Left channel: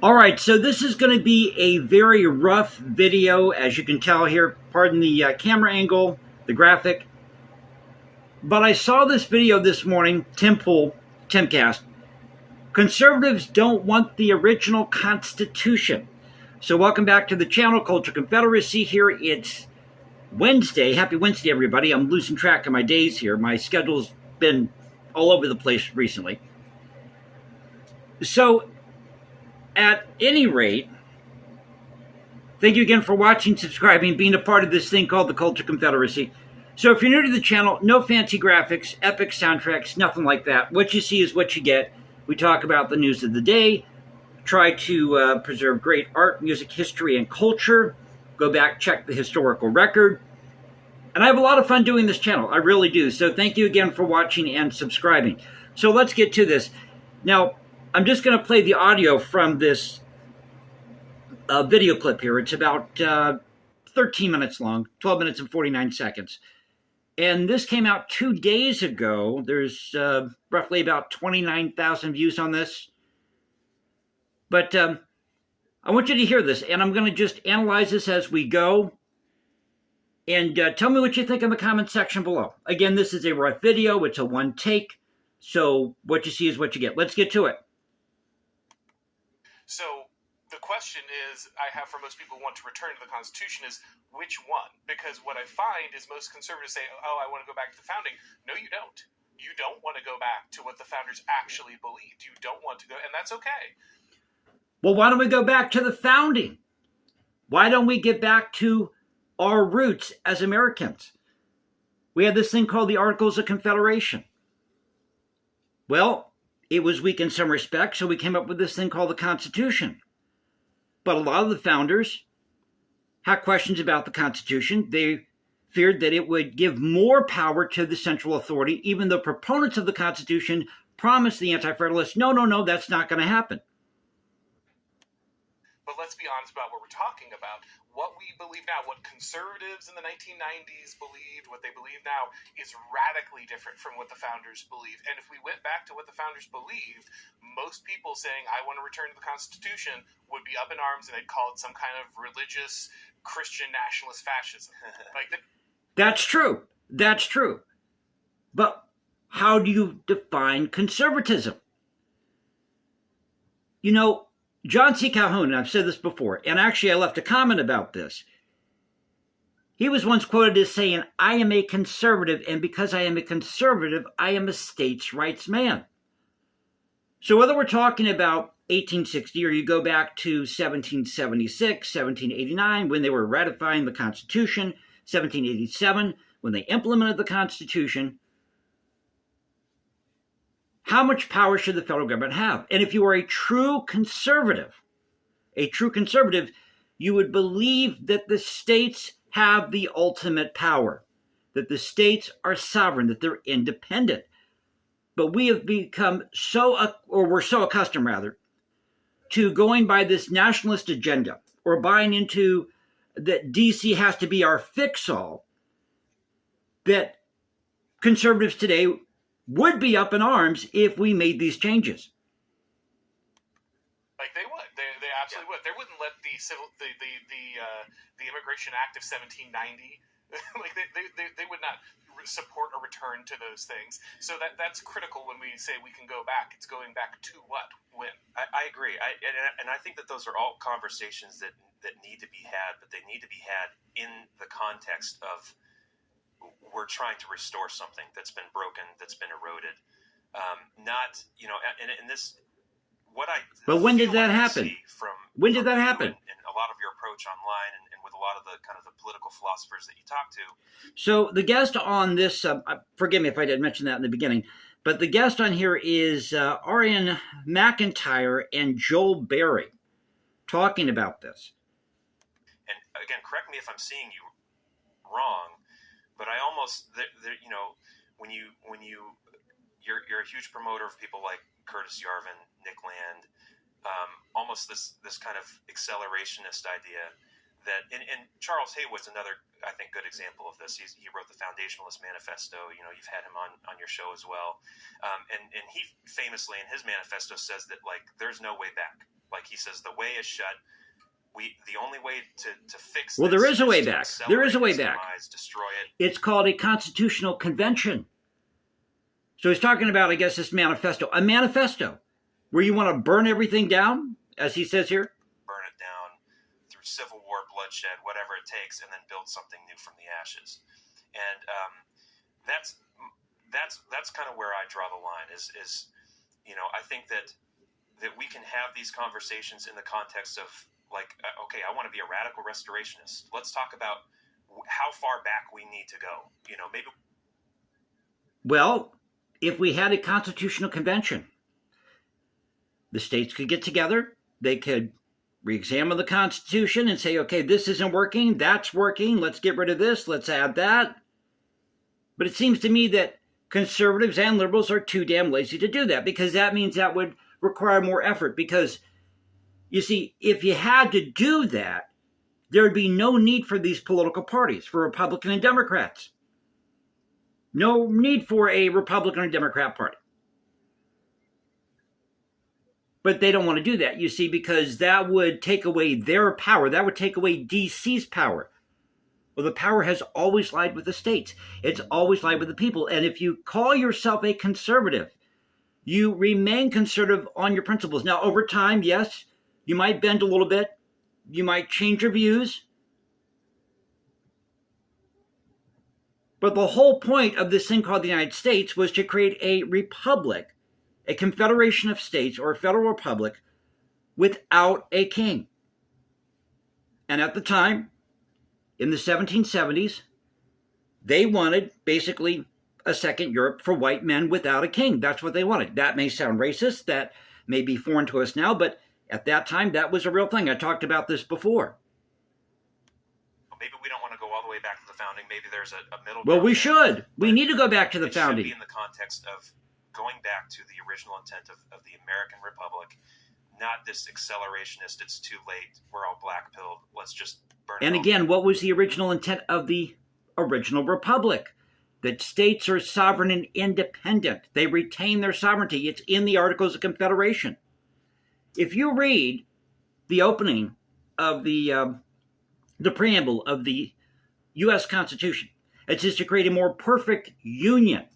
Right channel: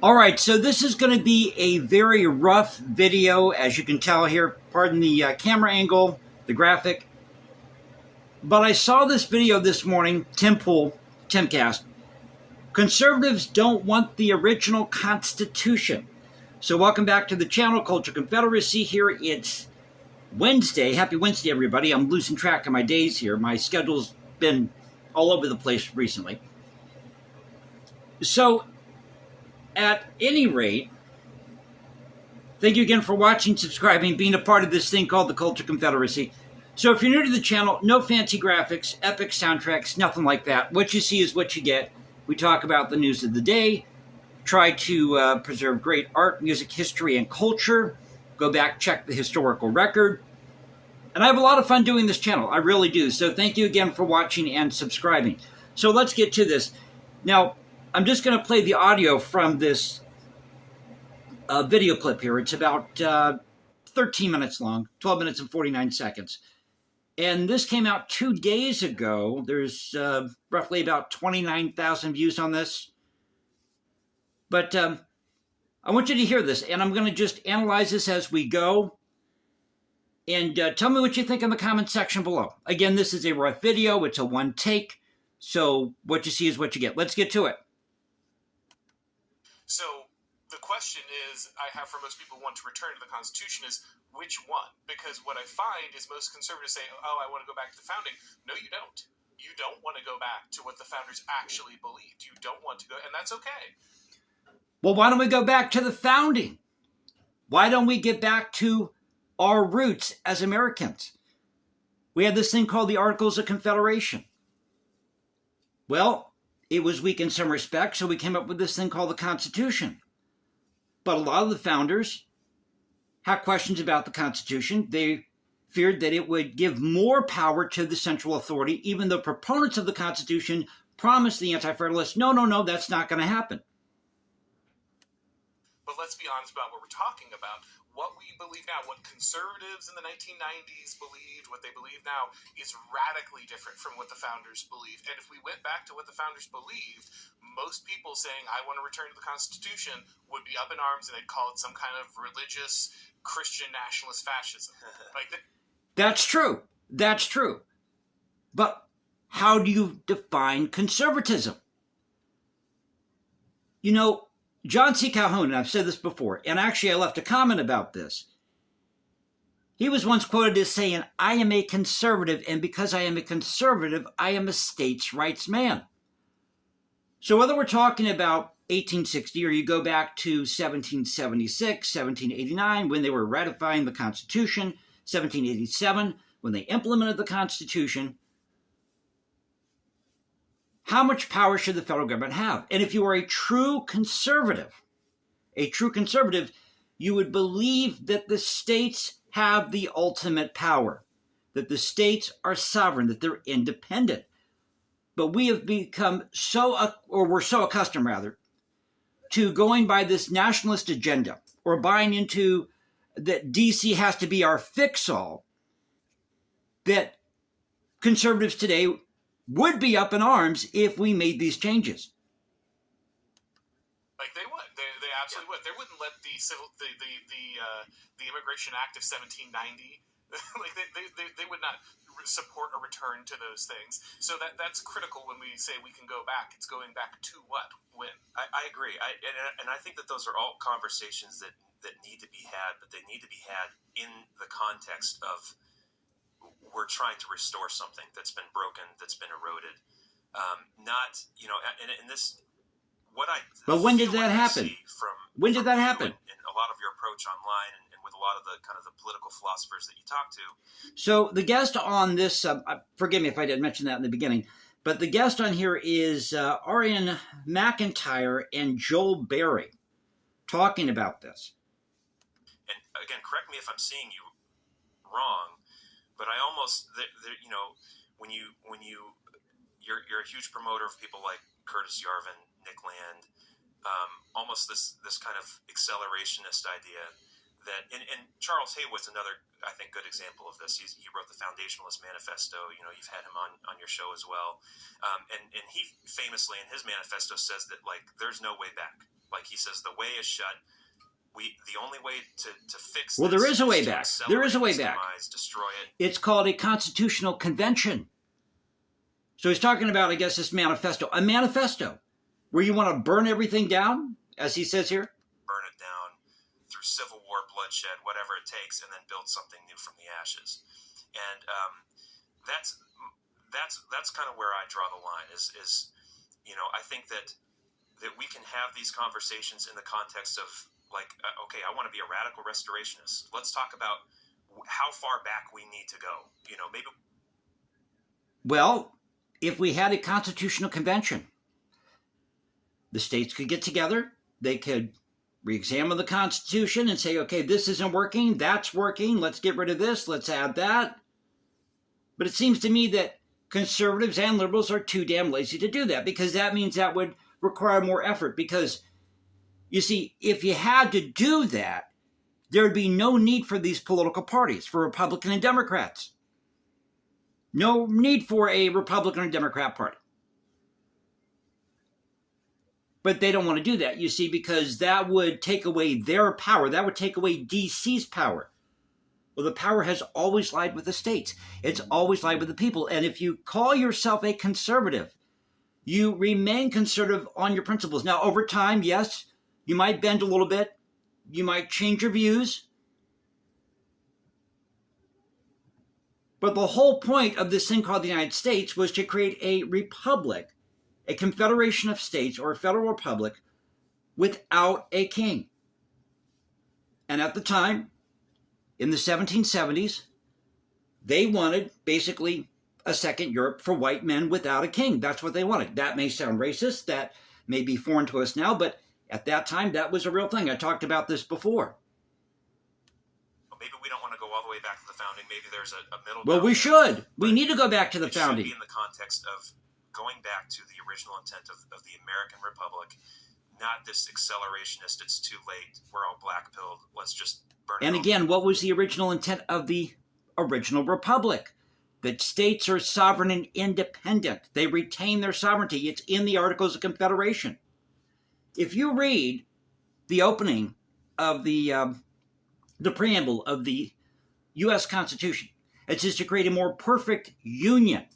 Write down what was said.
All right, so this is going to be a very rough video, as you can tell here. Pardon the camera angle, the graphic. But I saw this video this morning, Tim Pool, Timcast. Conservatives don't want the original Constitution. So welcome back to the channel, Culture Confederacy. Here it's Wednesday. Happy Wednesday, everybody. I'm losing track of my days here. My schedule's been all over the place recently. So, at any rate, thank you again for watching, subscribing, being a part of this thing called the Culture Confederacy. So if you're new to the channel, no fancy graphics, epic soundtracks, nothing like that. What you see is what you get. We talk about the news of the day, try to preserve great art, music, history, and culture. Go back, check the historical record. And I have a lot of fun doing this channel. I really do. So thank you again for watching and subscribing. So let's get to this. Now, I'm just going to play the audio from this video clip here. It's about 13 minutes long, 12 minutes and 49 seconds. And this came out 2 days ago. There's roughly about 29,000 views on this. But I want you to hear this, and I'm going to just analyze this as we go. And tell me what you think in the comment section below. Again, this is a rough video. It's a one take. So what you see is what you get. Let's get to it. So the question is, I have for most people who want to return to the Constitution is, which one? Because what I find is most conservatives say, oh, I want to go back to the founding. No, you don't. You don't want to go back to what the founders actually believed. You don't want to go, and that's okay. Well, why don't we go back to the founding? Why don't we get back to our roots as Americans? We had this thing called the Articles of Confederation. Well, it was weak in some respects, so we came up with this thing called the Constitution. But a lot of the founders had questions about the Constitution. They feared that it would give more power to the central authority, even though proponents of the Constitution promised the Anti-Federalists, no, that's not going to happen. But let's be honest about what we're talking about. What we believe now, what conservatives in the 1990s believed, what they believe now, is radically different from what the founders believed. And if we went back to what the founders believed, most people saying, I want to return to the Constitution, would be up in arms, and they'd call it some kind of religious, Christian nationalist fascism. That's true. That's true. But how do you define conservatism? You know, John C. Calhoun, and I've said this before, and actually I left a comment about this. He was once quoted as saying, I am a conservative, and because I am a conservative, I am a states' rights man. So whether we're talking about 1860 or you go back to 1776, 1789, when they were ratifying the Constitution, 1787, when they implemented the Constitution, how much power should the federal government have? And if you are a true conservative, you would believe that the states have the ultimate power, that the states are sovereign, that they're independent. But we have become we're so accustomed rather, to going by this nationalist agenda or buying into that DC has to be our fix-all, that conservatives today would be up in arms if we made these changes. Like they would, they absolutely would. They wouldn't let the Immigration Act of 1790. Like they would not support a return to those things. So that's critical when we say we can go back. It's going back to what, when. I agree. And I think that those are all conversations that need to be had, but they need to be had in the context of we're trying to restore something that's been broken, that's been eroded. Not, and this, what I. But when did that happen? When did that happen? And a lot of your approach online and with a lot of the kind of the political philosophers that you talk to. So the guest on this, forgive me if I didn't mention that in the beginning, but the guest on here is Arian McIntyre and Joel Berry talking about this. And again, correct me if I'm seeing you wrong, but I almost, when you're a huge promoter of people like Curtis Yarvin, Nick Land, almost this kind of accelerationist idea that, and Charles Haywood's another, I think, good example of this. He wrote the Foundationalist Manifesto. You've had him on your show as well, and he famously in his manifesto says that like there's no way back. like he says, the way is shut. The only way to fix Well, this there is a way to back. There is a way accelerate back. its demise, destroy it. It's called a constitutional convention. So he's talking about, I guess, this manifesto. A manifesto where you want to burn everything down, as he says here. Burn it down through civil war, bloodshed, whatever it takes, and then build something new from the ashes. And that's kind of where I draw the line. Is I think that we can have these conversations in the context of, like, okay, I want to be a radical restorationist. Let's talk about how far back we need to go. Maybe. Well, if we had a constitutional convention, the states could get together. They could re-examine the Constitution and say, okay, this isn't working. That's working. Let's get rid of this. Let's add that. But it seems to me that conservatives and liberals are too damn lazy to do that, because that means that would require more effort. Because, you see, if you had to do that, there would be no need for these political parties, for Republican and Democrats. No need for a Republican or Democrat party. But they don't want to do that, you see, because that would take away their power. That would take away DC's power. Well, the power has always lied with the states. It's always lied with the people. And if you call yourself a conservative, you remain conservative on your principles. Now, over time, yes, you might bend a little bit. You might change your views. But the whole point of this thing called the United States was to create a republic, a confederation of states, or a federal republic without a king. And at the time, in the 1770s, they wanted basically a second Europe for white men without a king. That's what they wanted. That may sound racist. That may be foreign to us now, but at that time, that was a real thing. I talked about this before. Maybe we don't want to go all the way back to the founding. Maybe there's a middle. Well, we should. We need to go back to the founding. It should be in the context of going back to the original intent of the American Republic, not this accelerationist, it's too late, we're all black-pilled, let's just burn it all. And again, what was the original intent of the original republic? That states are sovereign and independent. They retain their sovereignty. It's in the Articles of Confederation. If you read the opening of the preamble of the U.S. Constitution, it says to create a more perfect union